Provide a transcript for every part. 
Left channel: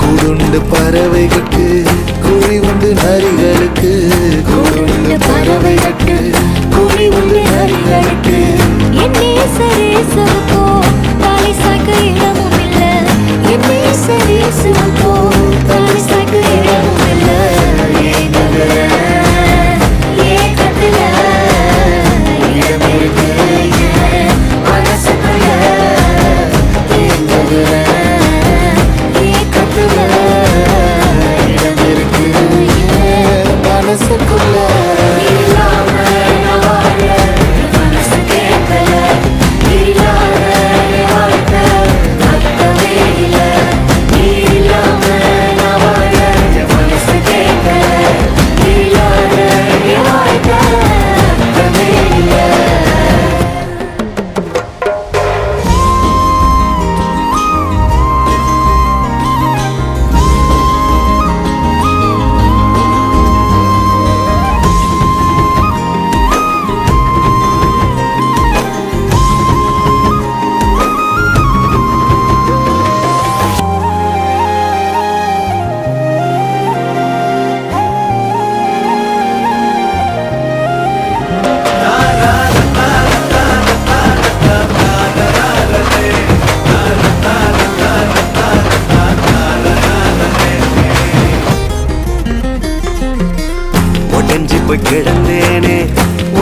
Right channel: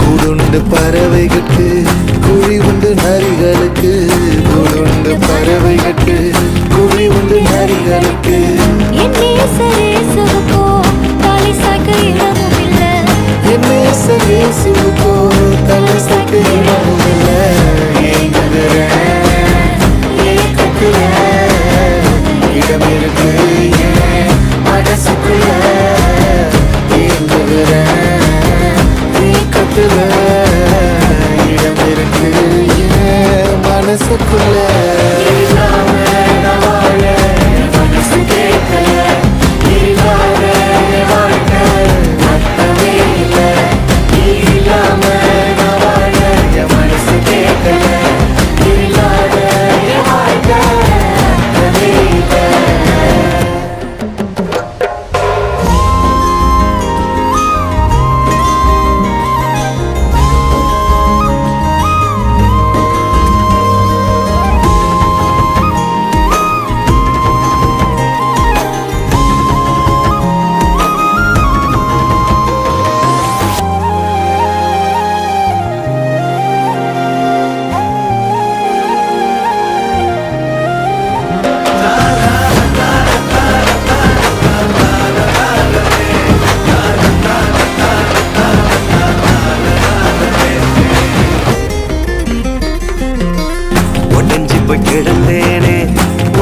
கூடுண்டு பறவைகளுக்கு குழி உண்டு நரிகளுக்கு, கூடுண்டு பறவைகளுக்கு குழி உண்டு நரிகளுக்கு. என் நேசரேசுவுக்கோ தலை சாய்க்க இடமும் இல்ல, என் நேசரேசுவுக்கோ தலை சாய்க்க இடமும் இல்ல. ஏங்குகிற ஏக்கத்துல இடம் இருக்கு என் மனசுக்குள்ள, ஏங்குகிற ஏக்கத்துல இடம் இருக்கு என் மனசுக்குள்ள. மனசு கேட்கல, இல்லாத வாழ்க்கை அர்த்தமே இல்ல. நீ இல்லாம நான் வாழ என் மனசு கேட்கல. இல்லாத வாழ்க்கை அர்த்தமே இல்ல. ஒடஞ்சி போய் கிடந்தேனே,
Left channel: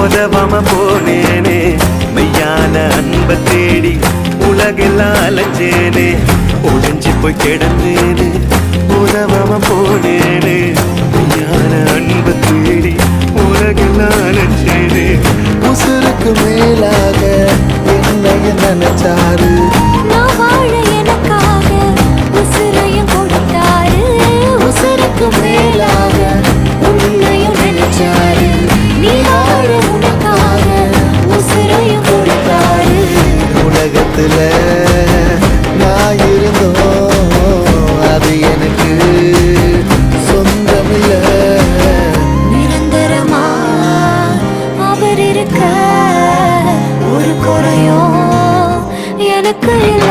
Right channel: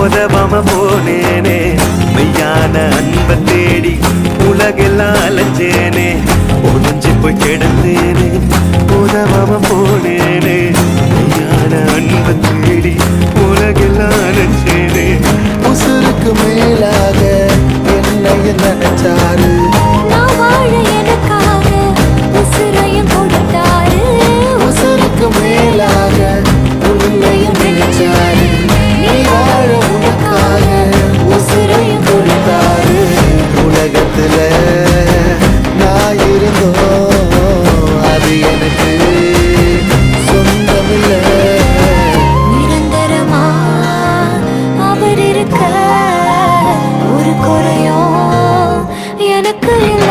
உதவாம போனேனே, மெய்யான அன்பை தேடி உலகெல்லாம் அலைஞ்சேனே. ஒடஞ்சி போய் கிடந்தேனே, உதவாம போனேனே, மெய்யான அன்பை தேடி உலகெல்லாம் அலைஞ்சேனே. உசுருக்கு மேலாக என்னைய நினைச்சாரு, நான் வாழ எனக்காக உசுரையும் கொடுத்தாரு. உசுருக்கு மேலாக உன்னையும் நினைச்சாரு, நீ வாழ உனக்காக உசுரையும் கொடுத்தாரு. உலகத்துல நான் இருந்தோம் அது எனக்கு சொந்தமில்ல. நிரந்தரமா அவர் இருக்க ஒரு குறையும் எனக்கு இல்ல.